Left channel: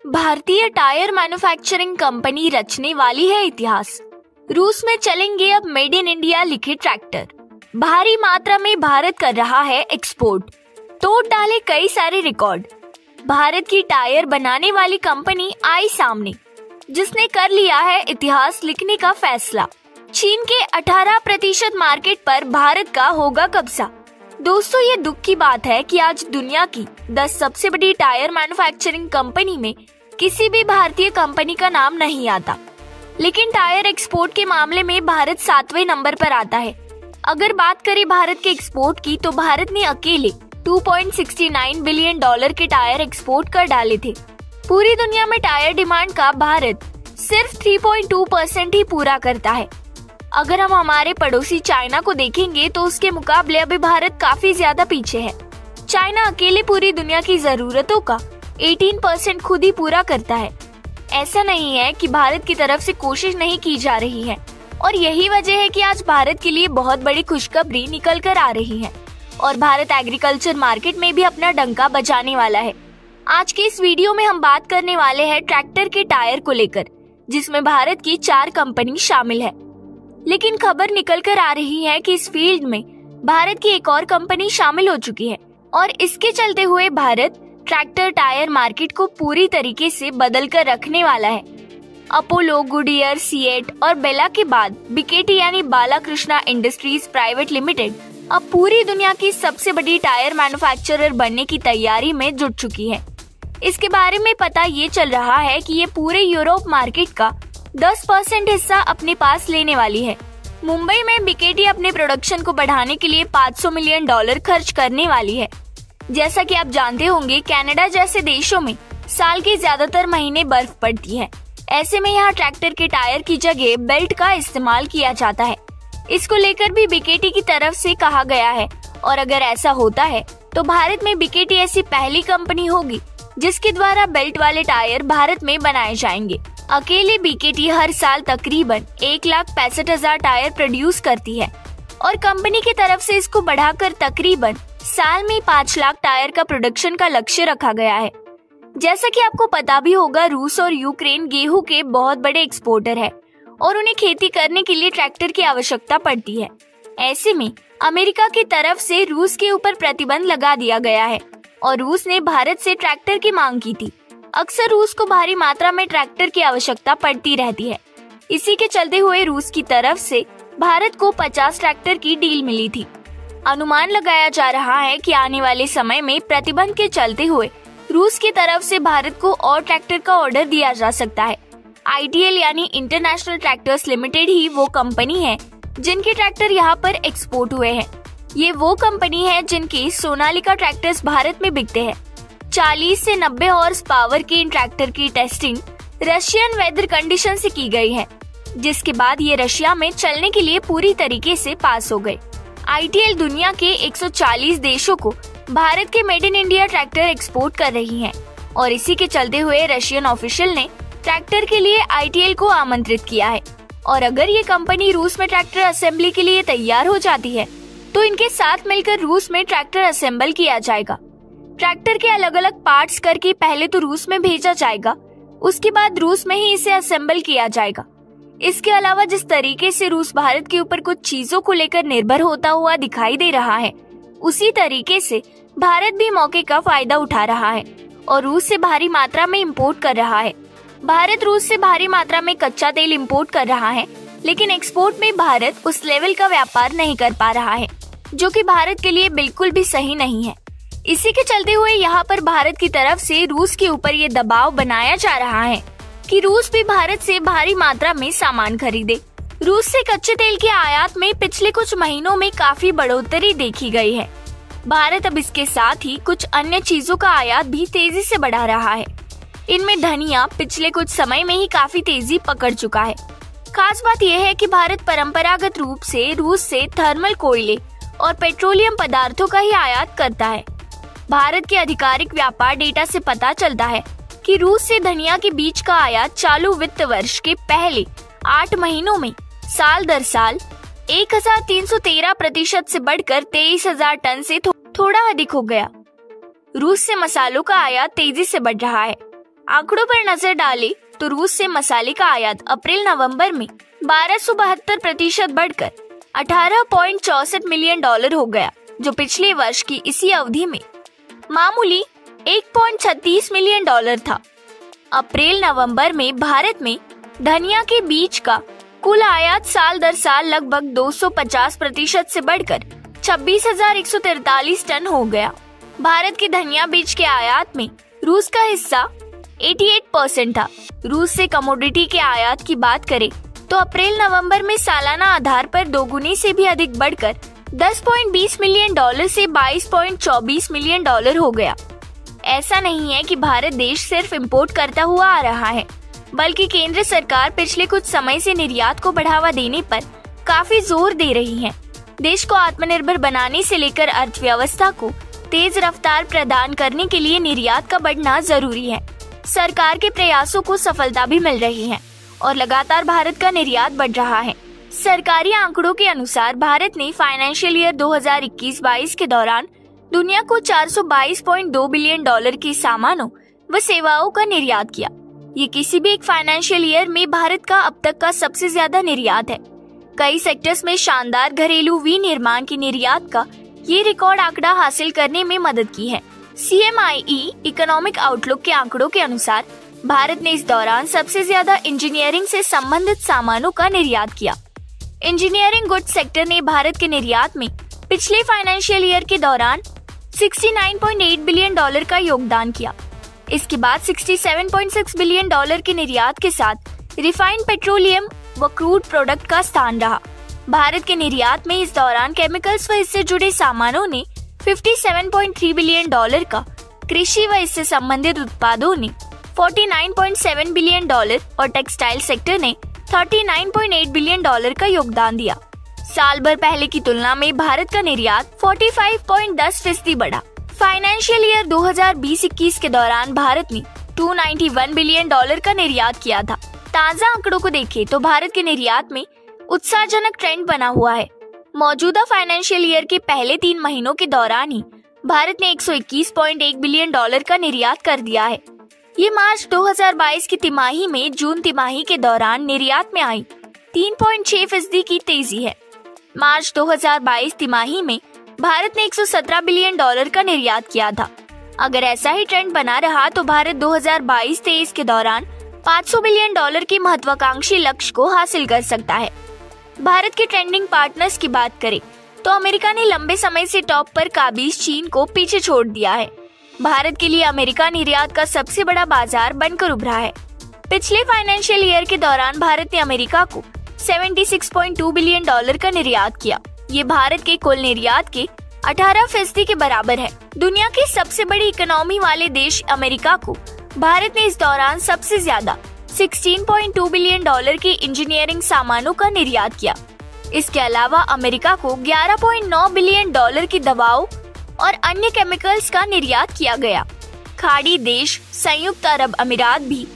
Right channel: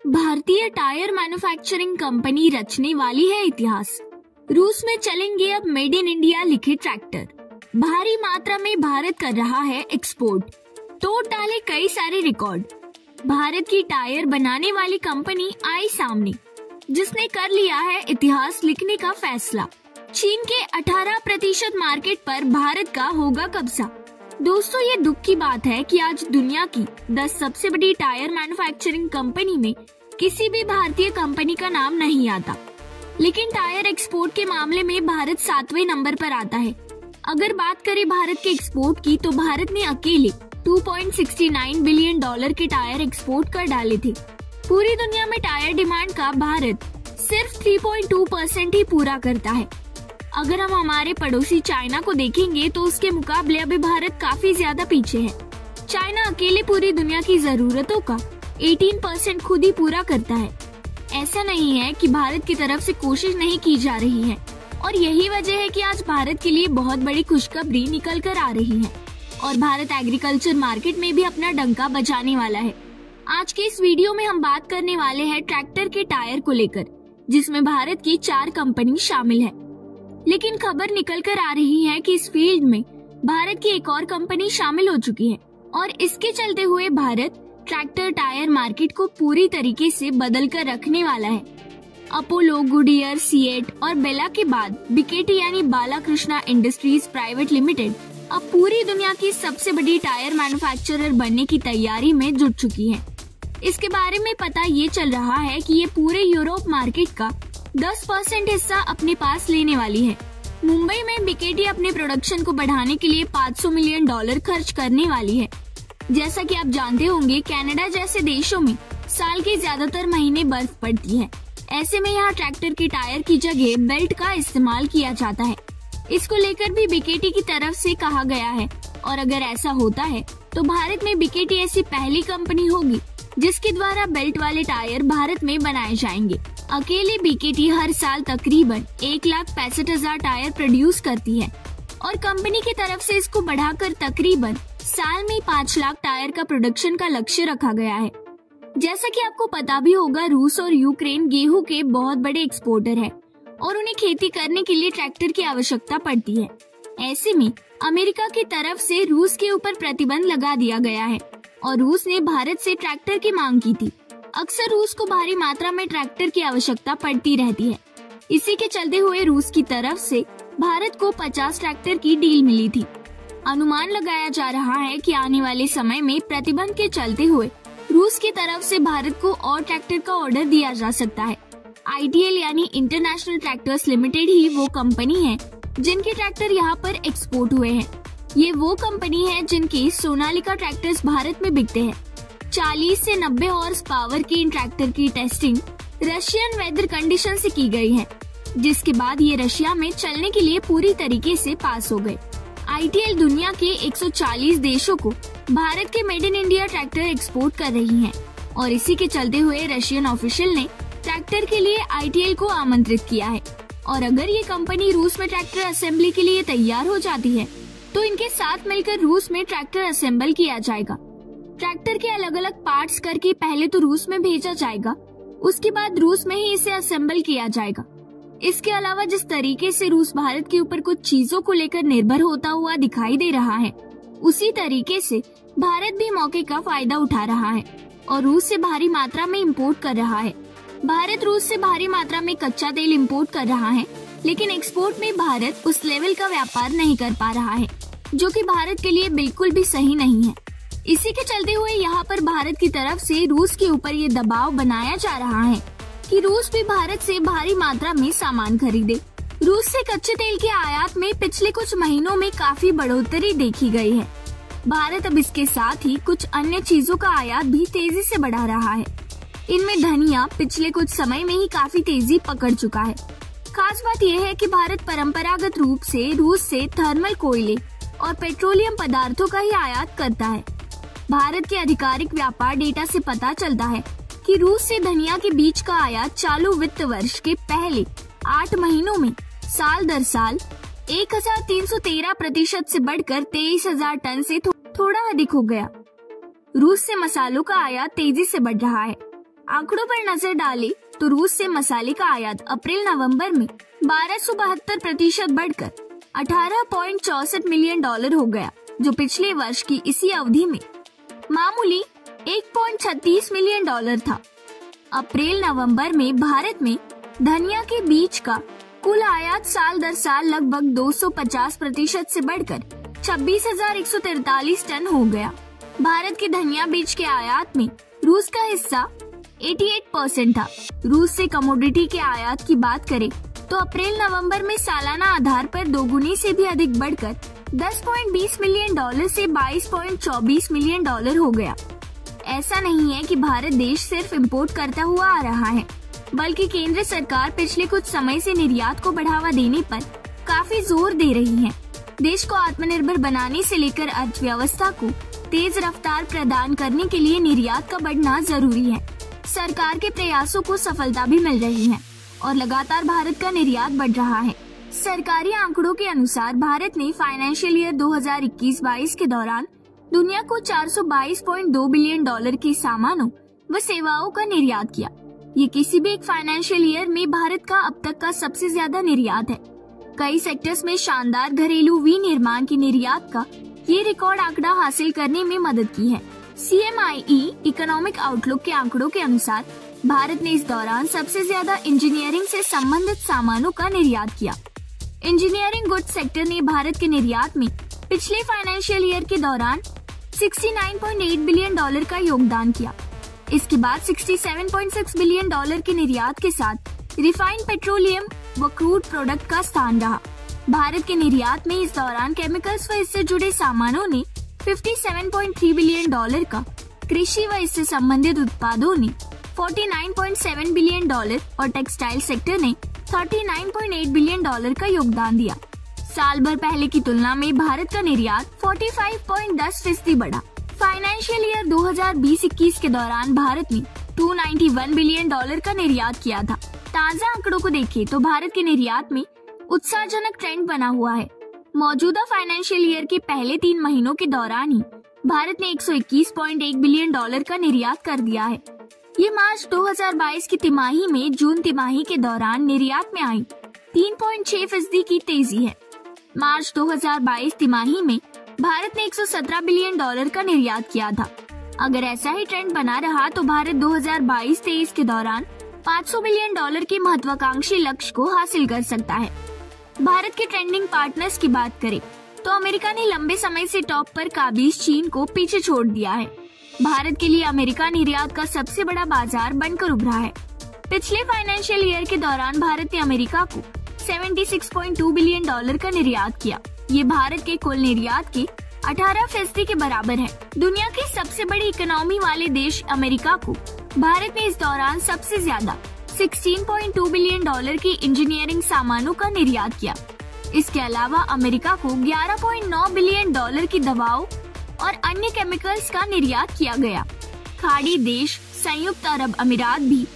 भारतीय tyre manufacturing company रचने वाली है इतिहास। रूस में चलेंगे अब मेड इन इंडिया लिखे ट्रैक्टर। भारी मात्रा में भारत कर रहा है एक्सपोर्ट, तोड़ डाले कई सारे रिकॉर्ड। भारत की टायर बनाने वाली कंपनी आई सामने, जिसने कर लिया है इतिहास लिखने का फैसला। चीन के 18% मार्केट पर भारत का होगा कब्जा। दोस्तों, ये दुख की बात है कि आज दुनिया की 10 सबसे बड़ी टायर मैन्युफैक्चरिंग कंपनी में किसी भी भारतीय कंपनी का नाम नहीं आता, लेकिन टायर एक्सपोर्ट के मामले में भारत 7वें नंबर पर आता है। अगर बात करें भारत के एक्सपोर्ट की, तो भारत ने अकेले $2.69 बिलियन के टायर एक्सपोर्ट कर डाले थे। पूरी दुनिया में टायर डिमांड का भारत सिर्फ 3.2% ही पूरा करता है। अगर हम हमारे पड़ोसी चाइना को देखेंगे तो उसके मुकाबले अभी भारत काफी ज्यादा पीछे है। चाइना अकेले पूरी दुनिया की जरूरतों का 18% खुद ही पूरा करता है। ऐसा नहीं है कि भारत की तरफ से कोशिश नहीं की जा रही है, और यही वजह है कि आज भारत के लिए बहुत बड़ी खुशखबरी निकल कर आ रही है और भारत एग्रीकल्चर मार्केट में भी अपना डंका बजाने वाला है। आज के इस वीडियो में हम बात करने वाले हैं ट्रैक्टर के टायर को लेकर, जिसमें भारत की 4 कंपनी शामिल है। लेकिन खबर निकल कर आ रही है कि इस फील्ड में भारत की एक और कंपनी शामिल हो चुकी है और इसके चलते हुए भारत ट्रैक्टर टायर मार्केट को पूरी तरीके से बदल कर रखने वाला है। अपोलो, गुडियर, सीएट और बेला के बाद बीकेटी यानी बालाकृष्णा इंडस्ट्रीज प्राइवेट लिमिटेड अब पूरी दुनिया की सबसे बड़ी टायर मैन्युफैक्चरर बनने की तैयारी में जुट चुकी है। इसके बारे में पता ये चल रहा है कि ये पूरे यूरोप मार्केट का 10% हिस्सा अपने पास लेने वाली है। मुंबई में बीकेटी अपने प्रोडक्शन को बढ़ाने के लिए $500 मिलियन खर्च करने वाली है। जैसा कि आप जानते होंगे, कनाडा जैसे देशों में साल के ज्यादातर महीने बर्फ पड़ती है। ऐसे में यहाँ ट्रैक्टर के टायर की जगह बेल्ट का इस्तेमाल किया जाता है। इसको लेकर भी बीकेटी की तरफ से कहा गया है, और अगर ऐसा होता है तो भारत में बीकेटी ऐसी पहली कंपनी होगी जिसके द्वारा बेल्ट वाले टायर भारत में बनाए जाएंगे। अकेले बीकेटी हर साल तकरीबन 1,65,000 टायर प्रोड्यूस करती है और कंपनी की तरफ से इसको बढ़ाकर तकरीबन साल में 5 लाख टायर का प्रोडक्शन का लक्ष्य रखा गया है। जैसा कि आपको पता भी होगा, रूस और यूक्रेन गेहूं के बहुत बड़े एक्सपोर्टर है और उन्हें खेती करने के लिए ट्रैक्टर की आवश्यकता पड़ती है। ऐसे में अमेरिका की तरफ से रूस के ऊपर प्रतिबंध लगा दिया गया है और रूस ने भारत से ट्रैक्टर की मांग की थी। अक्सर रूस को भारी मात्रा में ट्रैक्टर की आवश्यकता पड़ती रहती है। इसी के चलते हुए रूस की तरफ से भारत को 50 ट्रैक्टर की डील मिली थी। अनुमान लगाया जा रहा है कि आने वाले समय में प्रतिबंध के चलते हुए रूस की तरफ से भारत को और ट्रैक्टर का ऑर्डर दिया जा सकता है। ITL यानी इंटरनेशनल ट्रैक्टर्स लिमिटेड ही वो कंपनी है जिनके ट्रैक्टर यहाँ पर एक्सपोर्ट हुए हैं। ये वो कंपनी है जिनकी सोनालिका ट्रैक्टर्स भारत में बिकते हैं। 40 से 90 हॉर्स पावर के इन ट्रैक्टर की टेस्टिंग रशियन वेदर कंडीशन से की गई है, जिसके बाद ये रशिया में चलने के लिए पूरी तरीके से पास हो गए। ITL दुनिया के 140 देशों को भारत के made in India tractor export कर रही है और इसी के चलते हुए रशियन ऑफिशियल ने ट्रैक्टर के लिए ITL को आमंत्रित किया है। और अगर ये कंपनी रूस में ट्रैक्टर असेंबली के लिए तैयार हो जाती है तो इनके साथ मिलकर रूस में ट्रैक्टर असेंबल किया जाएगा। ट्रैक्टर के अलग अलग पार्ट्स करके पहले तो रूस में भेजा जाएगा, उसके बाद रूस में ही इसे असेंबल किया जाएगा। इसके अलावा जिस तरीके से रूस भारत के ऊपर कुछ चीजों को लेकर निर्भर होता हुआ दिखाई दे रहा है, उसी तरीके से भारत भी मौके का फायदा उठा रहा है और रूस से भारी मात्रा में इम्पोर्ट कर रहा है। भारत रूस से भारी मात्रा में कच्चा तेल इम्पोर्ट कर रहा है, लेकिन एक्सपोर्ट में भारत उस लेवल का व्यापार नहीं कर पा रहा है, जो कि भारत के लिए बिल्कुल भी सही नहीं है। इसी के चलते हुए यहाँ पर भारत की तरफ से रूस के ऊपर ये दबाव बनाया जा रहा है कि रूस भी भारत से भारी मात्रा में सामान खरीदे। रूस से कच्चे तेल के आयात में पिछले कुछ महीनों में काफी बढ़ोतरी देखी गई है। भारत अब इसके साथ ही कुछ अन्य चीजों का आयात भी तेजी से बढ़ा रहा है। इनमें धनिया पिछले कुछ समय में ही काफी तेजी पकड़ चुका है। खास बात यह है कि भारत परंपरागत रूप से रूस से थर्मल कोयले और पेट्रोलियम पदार्थों का ही आयात करता है। भारत के आधिकारिक व्यापार डेटा से पता चलता है कि रूस से धनिया के बीज का आयात चालू वित्त वर्ष के पहले 8 महीनों में साल दर साल 1313% से बढ़कर 23,000 टन से थोड़ा अधिक हो गया। रूस से मसालों का आयात तेजी से बढ़ रहा है। आंकड़ों पर नजर डालें तो रूस से मसाले का आयात अप्रैल-नवंबर में 1272% बढ़कर $18.64 मिलियन हो गया, जो पिछले वर्ष की इसी अवधि में मामूली $1.36 मिलियन था। अप्रैल-नवंबर में भारत में धनिया के बीज का कुल आयात साल दर साल लगभग 250% से बढ़कर 26,143 टन हो गया। भारत के धनिया बीज के आयात में रूस का हिस्सा 88% था। रूस से कमोडिटी के आयात की बात करें तो अप्रैल-नवंबर में सालाना आधार पर दोगुनी से भी अधिक बढ़कर $10.20 मिलियन से $22.24 मिलियन हो गया। ऐसा नहीं है कि भारत देश सिर्फ इंपोर्ट करता हुआ आ रहा है, बल्कि केंद्र सरकार पिछले कुछ समय से निर्यात को बढ़ावा देने पर काफी जोर दे रही है। देश को आत्मनिर्भर बनाने से लेकर अर्थव्यवस्था को तेज रफ्तार प्रदान करने के लिए निर्यात का बढ़ना जरूरी है। सरकार के प्रयासों को सफलता भी मिल रही है और लगातार भारत का निर्यात बढ़ रहा है। सरकारी आंकड़ों के अनुसार भारत ने फाइनेंशियल ईयर 2021-22 के दौरान दुनिया को $422.2 बिलियन के सामानों व सेवाओं का निर्यात किया। ये किसी भी एक फाइनेंशियल ईयर में भारत का अब तक का सबसे ज्यादा निर्यात है। कई सेक्टर्स में शानदार घरेलू विनिर्माण की निर्यात का ये रिकॉर्ड आंकड़ा हासिल करने में मदद की है। CMIE इकोनॉमिक आउटलुक के आंकड़ों के अनुसार भारत ने इस दौरान सबसे ज्यादा इंजीनियरिंग से संबंधित सामानों का निर्यात किया। इंजीनियरिंग गुड्स सेक्टर ने भारत के निर्यात में पिछले फाइनेंशियल ईयर के दौरान $69.8 बिलियन का योगदान किया। इसके बाद $67.6 बिलियन के निर्यात के साथ रिफाइंड पेट्रोलियम व क्रूड प्रोडक्ट का स्थान रहा। भारत के निर्यात में इस दौरान केमिकल्स व इससे जुड़े सामानों ने $57.3 बिलियन का, कृषि व इससे संबंधित उत्पादों ने $49.7 बिलियन और टेक्सटाइल सेक्टर ने $39.8 बिलियन का योगदान दिया। साल भर पहले की तुलना में भारत का निर्यात 45.10% बढ़ा। फाइनेंशियल ईयर 2020-21 के दौरान भारत ने $291 बिलियन का निर्यात किया था। ताज़ा आंकड़ों को देखें तो भारत के निर्यात में उत्साहजनक ट्रेंड बना हुआ है। मौजूदा फाइनेंशियल ईयर के पहले 3 महीनों के दौरान ही भारत ने $121.1 बिलियन का निर्यात कर दिया है। ये मार्च 2022 की तिमाही में जून तिमाही के दौरान निर्यात में आई 3.6% की तेजी है। मार्च 2022 तिमाही में भारत ने $117 बिलियन का निर्यात किया था। अगर ऐसा ही ट्रेंड बना रहा तो भारत 2022-23 के दौरान $500 बिलियन के महत्वाकांक्षी लक्ष्य को हासिल कर सकता है। भारत के ट्रेंडिंग पार्टनर्स की बात करें तो अमेरिका ने लंबे समय से टॉप पर काबिज चीन को पीछे छोड़ दिया है। भारत के लिए अमेरिका निर्यात का सबसे बड़ा बाजार बनकर उभरा है। पिछले फाइनेंशियल ईयर के दौरान भारत ने अमेरिका को $76.2 बिलियन का निर्यात किया। ये भारत के कुल निर्यात के 18% के बराबर है। दुनिया की सबसे बड़ी इकोनॉमी वाले देश अमेरिका को भारत ने इस दौरान सबसे ज्यादा $16.2 बिलियन के इंजीनियरिंग सामानों का निर्यात किया। इसके अलावा अमेरिका को $11.9 बिलियन की दवाओं और अन्य केमिकल्स का निर्यात किया गया। खाड़ी देश संयुक्त अरब अमीरात भी